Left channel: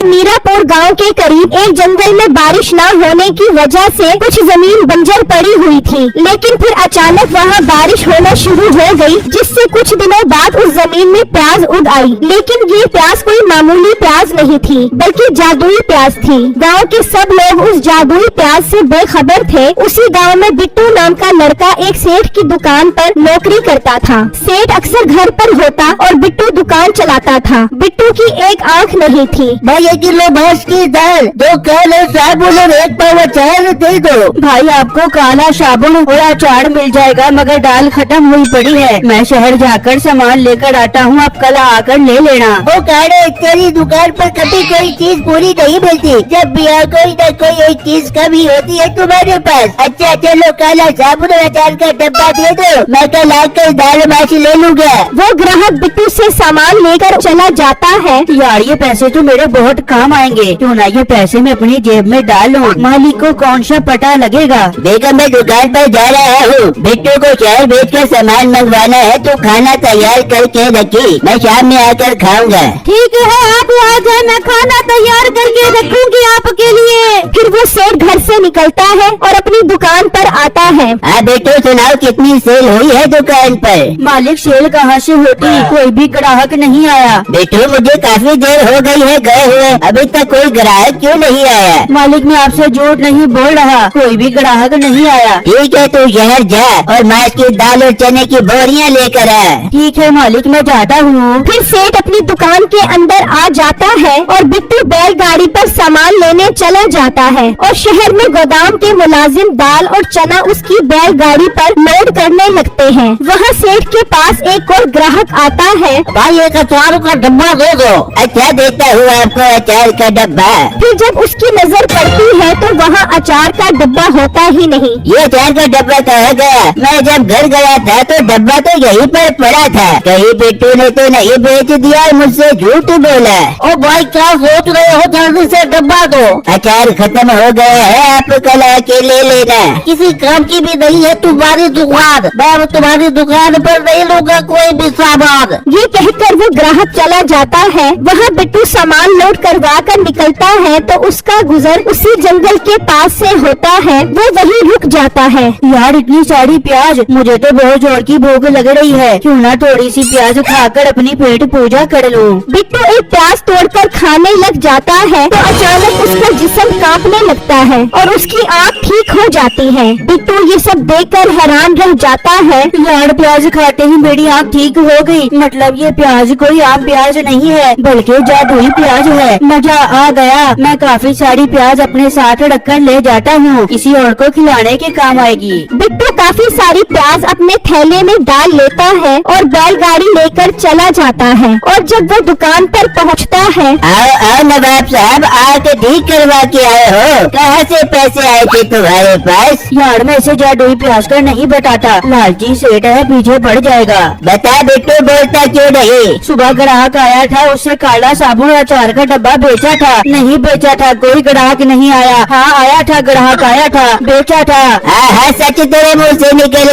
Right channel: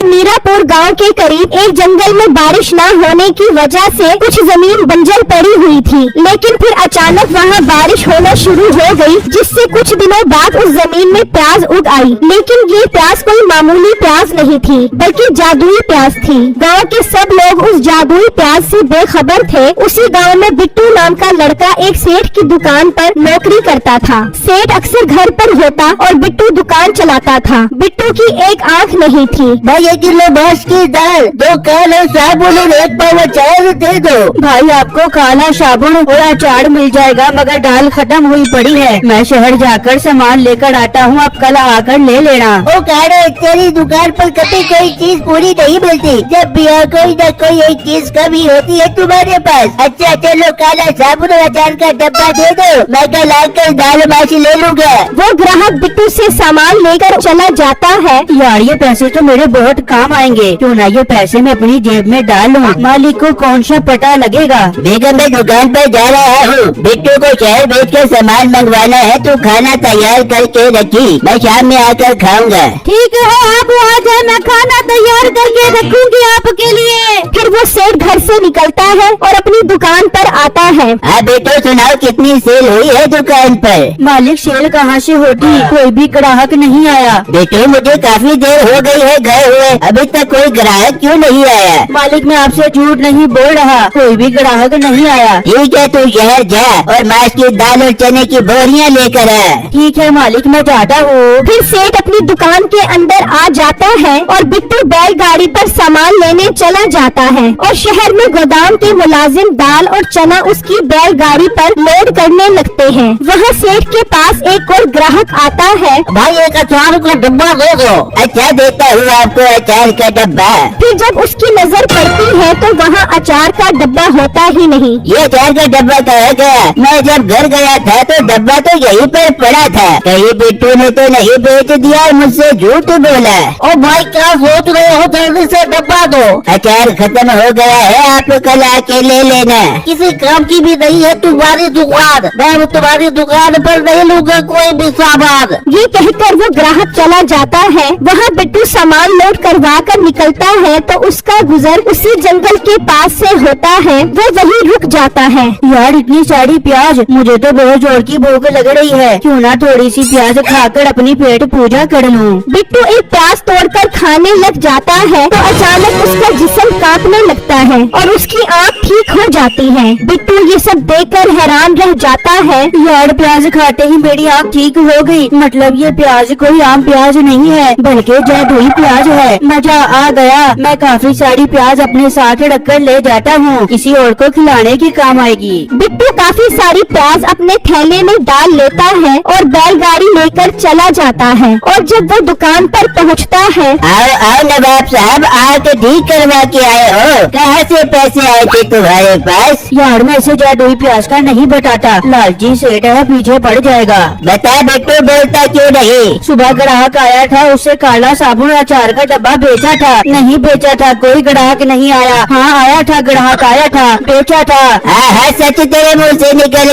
मीरापुर गांव के करीब एक जंगल में बारिश न होने की वजह से कुछ जमीन बंजर पड़ी हुई थी, लेकिन फिर अचानक वहां बारिश होना शुरू हो गई, जिससे कुछ दिनों बाद उस जमीन में प्याज उग आई। लेकिन ये प्याज कोई मामूली प्याज नहीं थी, बल्कि जादुई प्याज थी। गांव के सब लोग उस जादुई प्याज से बेखबर थे। उसी गाँव में बिट्टू नाम का लड़का एक सेठ की दुकान पर नौकरी करता था। सेठ अक्सर घर पर होता और बिट्टू दुकान चलाता था। बिट्टू की एक आँख नहीं थी। भाई 1 किलो भैंस की दाल, 2 काले साबुन और 1 पाव अचार दे दो। भाई आपको काला साबुन और अचार मिल जाएगा, मगर दाल खत्म हुई पड़ी है। मैं शहर जाकर सामान लेकर आता हूँ, आप कल आकर ले लेना। वो काले तेरी दुकान पर कभी कोई चीज पूरी नहीं मिलती, जब भी कोई न कोई एक चीज कमी होती है तुम्हारे पास। अच्छा चलो काला साबुन और अचार का डब्बा दे दो, मैं कल आकर दाल मासी ले लूंगा। वो ग्राहक बिट्टू से सामान लेकर चला जाता है। यार ये पैसे तो मेरे बहुत काम आएंगे, क्यों ना ये पैसे मैं अपनी जेब में डाल लूं। मालिक को कौन सा पता लगेगा। बेगम मैं दुकान पर जा रहा हूँ, बिट्टू को शहर बेच कर सामान मंगवाना है, तो खाना तैयार करके रखी, मैं शाम में आकर खाऊंगा। ठीक है, आप आ जाए, मैं खाना तैयार करके रखूंगी आपके लिए। फिर वो सेठ घर से निकलता है और अपनी दुकान पर आता है। हाँ बेटो सुनाओ, कितनी सेल हुई है दुकान पर? मालिक सेल कहाँ से होती, कोई भी ग्राहक नहीं आया। बेटो मुझे काफी देर हो गई है गए हुए, अभी तक कोई ग्राहक क्यों नहीं आया? मालिक मैं आपसे झूठ नहीं बोल रहा, कोई भी ग्राहक नहीं आया। ठीक है तो शहर जा और मांस की दाल और चने की बोरियां लेकर आ। ठीक है मालिक, मैं जाता हूँ। फिर सेठ अपनी दुकान के अंदर आ जाता है और बिट्टू बैलगाड़ी पर सामान लेने चला जाता है। और शहर में गोदाम के मुलाजिम दाल और चना उसकी बैलगाड़ी पर लोड करने लगते हैं। वहाँ सेठ के पास एक और ग्राहक आता है। भाई 1 अचार का डब्बा दे दो। अच्छा देता हूँ आपको अचार का डब्बा। फिर जब उसकी नजर पड़ती है तो वहाँ अचार का डब्बा होता ही नहीं। ये अचार का डब्बा कहाँ गया? मैं जब घर गया था तो डब्बा तो यहीं पर पड़ा था। कहीं बिट्टू ने तो नहीं बेच दिया और मुझसे झूठ बोला। ओ भाई क्या सोच रहे हो, जल्दी से डब्बा दो। अचार खत्म हो गया है, आप कल आके ले लेना। किसी काम की भी नहीं है तुम्हारी दुकान, मैं तुम्हारी दुकान पर नहीं लूंगा कोई भी सामान। ये कहकर वो ग्राहक चला जाता है। वहाँ बिट्टू सामान लोड करवा कर निकलता है तो उसका गुजर उसी जंगल के पास से होता है। वो वहीं रुक जाता है। यार इतनी सारी प्याज, मुझे तो बहुत जोर की भूख लग रही है, क्यों ना थोड़ी सी प्याज खाकर अपनी पेट पूजा कर लूं। बिट्टू एक प्याज तोड़कर खाने लग जाता है तो अचानक उसका जिस्म कांपने लगता है और उसकी आँख ठीक हो जाती है। बिट्टू ये सब देखकर हैरान रह जाता है। यार प्याज खाते ही मेरी आँख ठीक हो गई, मतलब ये प्याज कोई आम प्याज नहीं है, बल्कि जादुई प्याज है। मजा आ गया। मैं काफी सारी प्याज अपने साथ रखकर ले जाता हूँ, किसी और को खिलाने के काम आएगी। बिट्टू काफी सारी प्याज अपने थैले में डाल लेता है और बैलगाड़ी लेकर चला जाता है। और जब वो दुकान पर पहुँचता है। आओ आओ नवाब साहब, आके ठीक करवा के आए हो। कहाँ से पैसे आए थे तुम्हारे पास? यार मैं इसे जादुई प्याज का नहीं बताता, लालची सेठ है, पीछे पड़ जाएगा। बता बेटू, बोलता क्यों नहीं? सुबह ग्राहक आया था, उससे काला साबुन और अचार का डब्बा बेचा था। नहीं बेचा था, कोई ग्राहक नहीं आया। हाँ आया था, ग्राहक आया था, बेचा था। हाँ सच तेरे मुँह से निकल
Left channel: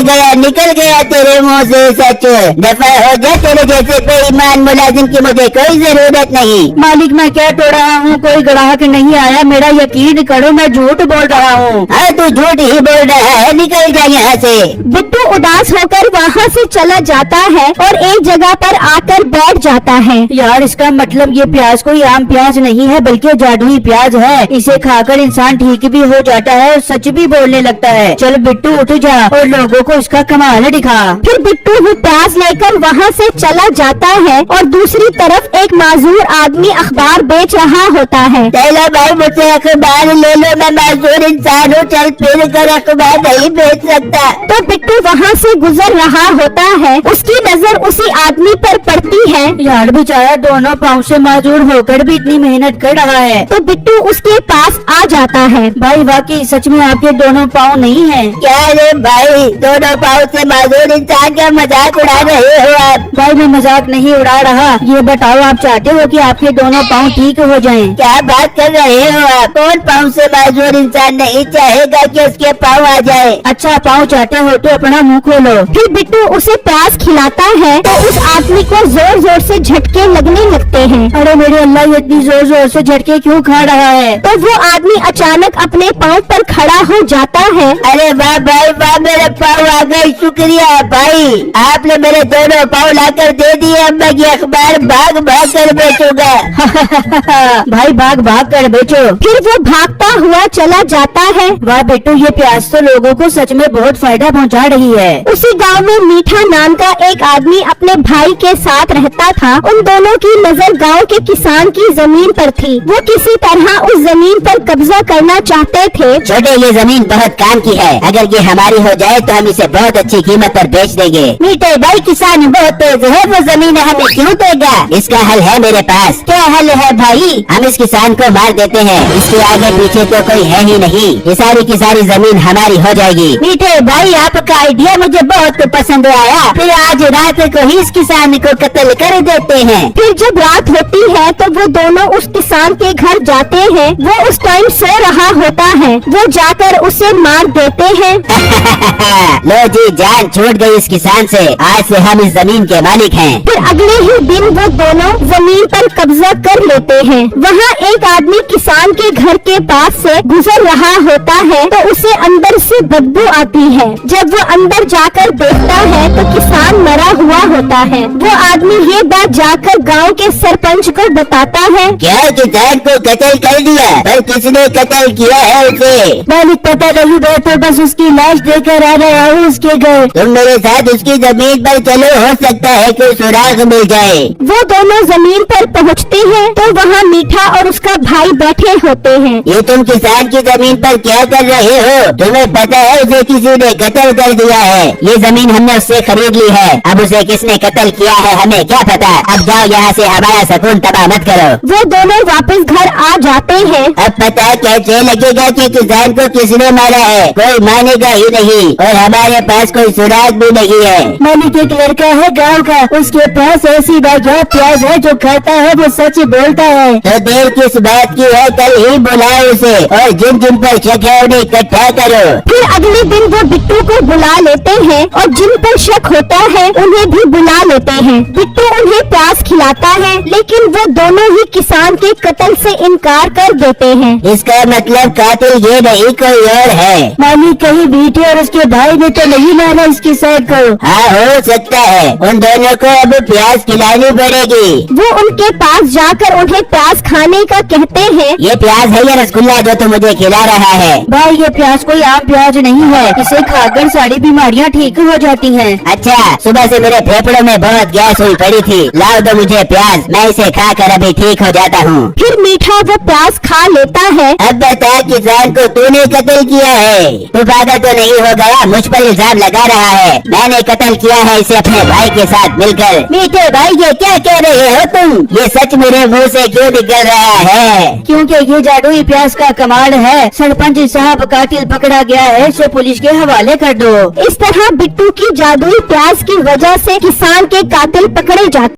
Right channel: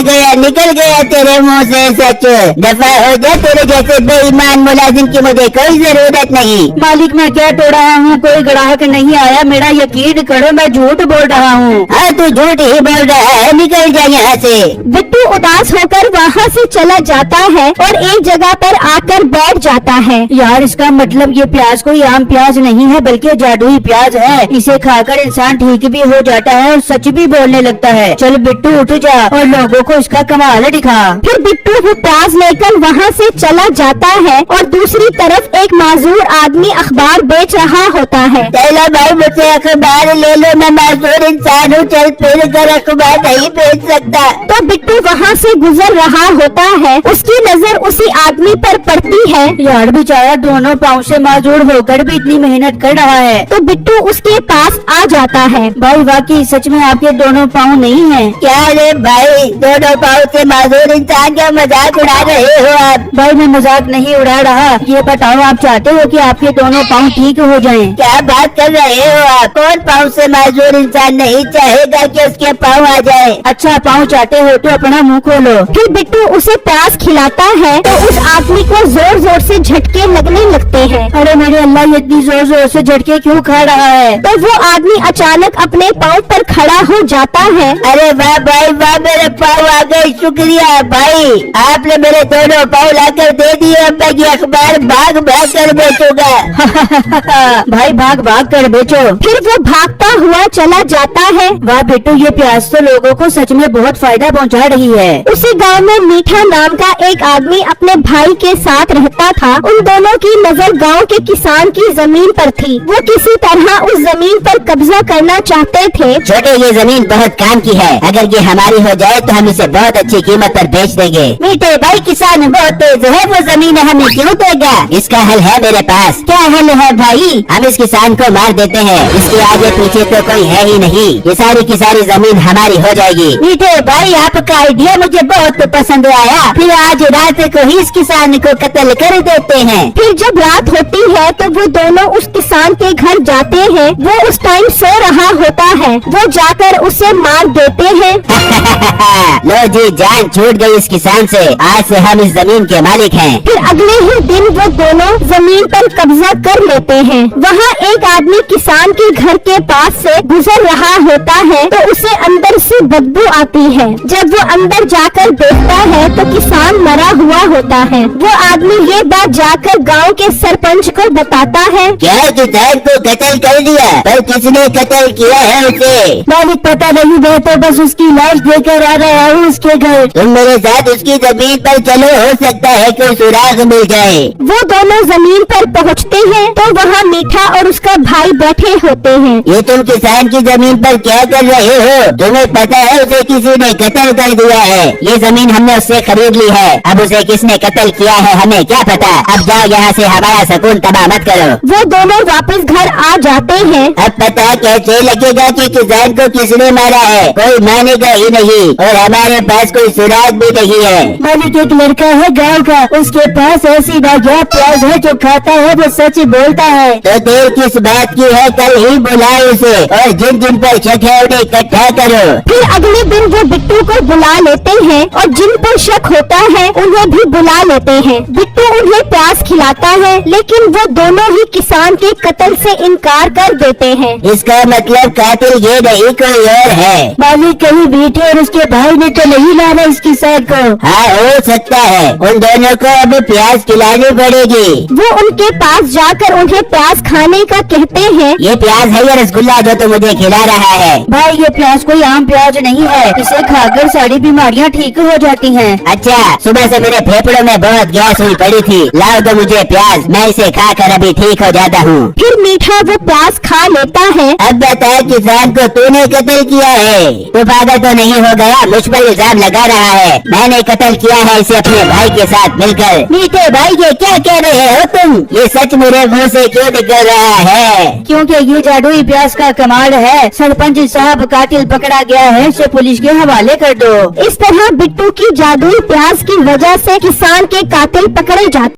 गया तेरे मुँह से सच। दफा हो जा, तेरे जैसे बेईमान मुलाजिम की मुझे कोई जरूरत नहीं। मालिक मैं क्या तो रहा हूँ, कोई ग्राहक नहीं आया, मेरा यकीन करो मैं झूठ बोल रहा हूँ। हाँ तू झूठ ही बोल रहा है, निकल जा यहाँ से। बिट्टू उदास होकर वहाँ से चला जाता है और एक जगह पर आकर बैठ जाता है। यार इसका मतलब ये प्याज कोई आम प्याज नहीं है, बल्कि जादुई प्याज है। इसे खाकर इंसान ठीक भी हो जाता है और सच भी बोलने लगता है। चल बिट्टू उठ जा और लोगों को इसका कमाल दिखा। फिर बिट्टू वो प्याज लेकर वहाँ से चला जाता है और दूसरी तरफ एक माजूर आदमी अखबार बेच रहा होता है। पहला भाई मुझसे अखबार ले लो, मैं माजूर इंसान हूँ, चल फिर कर अखबार नहीं बेच सकता। तो बिट्टू वहाँ से गुजर रहा होता है, उसकी नजर उसी आदमी पर पड़ती है। यार बेचारा दोनों पाँव से माजूर होकर भी इतनी मेहनत कर रहा है। तो बिट्टू उसके पास आ जाता है। भाई वाकई सच में आपके दोनों पाँव नहीं है क्या रे भाई, दोनों पाँव से मासूम इंसान का मजाक उड़ा रहे हो आप। भाई मैं मजाक नहीं उड़ा रहा। ये बताओ आप चाहते हो कि आपके दोनों पाँव ठीक हो जाएं? क्या बात कर रहे हो आप? कौन पाँव से मासूम इंसान नहीं चाहेगा कि उसके पाँव आ जाए? अच्छा पाँव चाहते हो तो अपना मुंह खोलो। फिर बिट्टू उसे प्यास खिलाता है तो उस आदमी को जोर जोर से झटके लगने लगते हैं। अरे मेरे अल्लाह, ये इतनी जोर जोर से झटके क्यों खा रहा है? तो वो आदमी अचानक अपने पाँव पर खड़ा हो जाता है। अरे वाह भाई वाह, मेरे पाँव आ गए, शुक्रिया भाई, आपने मेरे दोनों पाँव लाकर दे दिए। अब मैं ये अखबार भाग भाग कर बेचूंगा। भाई भाग भाग कर बेचो। फिर वो भागता हुआ चला जाता है। वाह बिट्टू, ये प्याज तो लोगों को सच में बहुत फायदा पहुंचा रही है। उसी गांव में मीठा नाम का एक आदमी अपने भाई के साथ रहता था। उन दोनों की नजर गांव के किसान की जमीन पर थी। वो किसी तरह उस जमीन पर कब्जा करना चाहते थे। छोटे, ये जमीन बहुत काम की है, अगर ये हमारी हो जाए तो हम इसे बहुत अच्छी कीमत पर बेच देंगे। मीठे भाई, किसान बहुत तेज है, वो जमीन हमें क्यों देगा? इसका हल है मेरे पास। क्या हल है भाई? हम इस किसान को मार देते हैं, इसके आगे पीछे तो कोई है ही नहीं, ये सारी की सारी जमीन हमारी हो जाएगी। मीठे भाई, आपका आइडिया मुझे बहुत पसंद आया। फिर आज रात को ही इस किसान को कत्ल कर देते हैं। फिर जब रात होती है तो वो दोनों उस किसान के घर जाते हैं। वो उस टाइम सो रहा होता है। वो जाकर उसे मार देते हैं। लो जी, जान छूट गई इस किसान से। आज से हम इस जमीन के मालिक हैं। फिर अगले ही दिन वो दोनों जमीन पर कब्जा कर लेते हैं। वहाँ एक आदमी किसान के घर के पास से गुजर रहा होता है तो उसे अंदर से बदबू आती है। जब वो अंदर जाकर देखता है तो किसान मरा हुआ होता है। वो आदमी ये बात जाकर गांव के सरपंच को बताता है। क्या किसान को कत्ल कर दिया? पर किसने कत्ल किया है उसे? मालिक पता नहीं, मैं तो बस उसकी लाश देकर आ रहा हूँ उसके घर। तुम मेरे साथ उसकी जमीन पर चलो, हो सकता है कोई सुराग मिल जाए। वो दोनों जमीन पर पहुँचते हैं तो वहाँ मीठा और उसका भाई बैठे होते हैं। ये तुम किसान की जमीन पर क्या कर रहे हो? तुम्हें पता है उसे किसी ने कत्ल कर दिया है। ये जमीन हमने उससे खरीद ली है, अब उसे किसने कत्ल किया है हमें क्या पता। अब जाओ यहाँ से, हमारा सुकून तबाह मत करो। वो दोनों वापस घर आ जाते हैं। अब पता कैसे लगेगा कि किसान को किसने मारा है? कोई मानेगा ही नहीं और हमारे पास कोई सुराग भी नहीं है। मालिक एक लड़का है गांव का, उसके पास ऐसी नायाब प्याज है जो खाता है वो सच ही बोलता है। तो देर किस बात की है? कल ही बुलाओ उसे और जिन जिन पर शक है उन्हें इकट्ठा करो। फिर अगले दिन वो बिट्टू को बुला लेते हैं और जिन पर शक होता है उन्हें भी बुला लेते हैं। बिट्टू उन्हें प्याज खिलाता है लेकिन वो दोनों ही किसान के कत्ल से इनकार कर देते हैं। इसका मतलब कातिल ये नहीं कोई और है। मालिक कहीं बेटे और उसके भाई ने तो नहीं मारा इस किसान को? हाँ, हो सकता है। उन दोनों को अब प्याज खिलानी पड़ेगी। वो उनके पास जाकर उन्हें प्याज खाने का कहते हैं। ये प्याज है ये रसगुल्ला जो तुम मुझे खिला रहा है? भाई ये प्याज कोई आम प्याज नहीं है, इसे खाकर सारी बीमारियाँ ठीक हो जाती हैं। अच्छा, सुबह से मेरे फेफड़ों में बहुत गैस हुई पड़ी थी, लाओ तो मुझे प्याज, मैं इसे खाकर अभी ठीक हो जाता हूँ। फिर मीठा वो प्याज खा लेता है। अब बता, किसान को तूने कत्ल किया है? तू पागल तो नहीं हो गया? मुझ पर इल्जाम लगा रहा है। मैंने कत्ल किया है इसे अपने भाई के साथ मिलकर। मीठे भाई, ये क्या कह रहे हो तुम? ये सच मेरे मुँह से क्यों निकल रहा है? क्योंकि ये जादुई प्याज का कमाल है। सरपंच साहब, कातिल पकड़ा गया है, इसे पुलिस के हवाले कर दो। इस तरह बिट्टू की जादुई प्याज की वजह से किसान के कातिल पकड़े जाते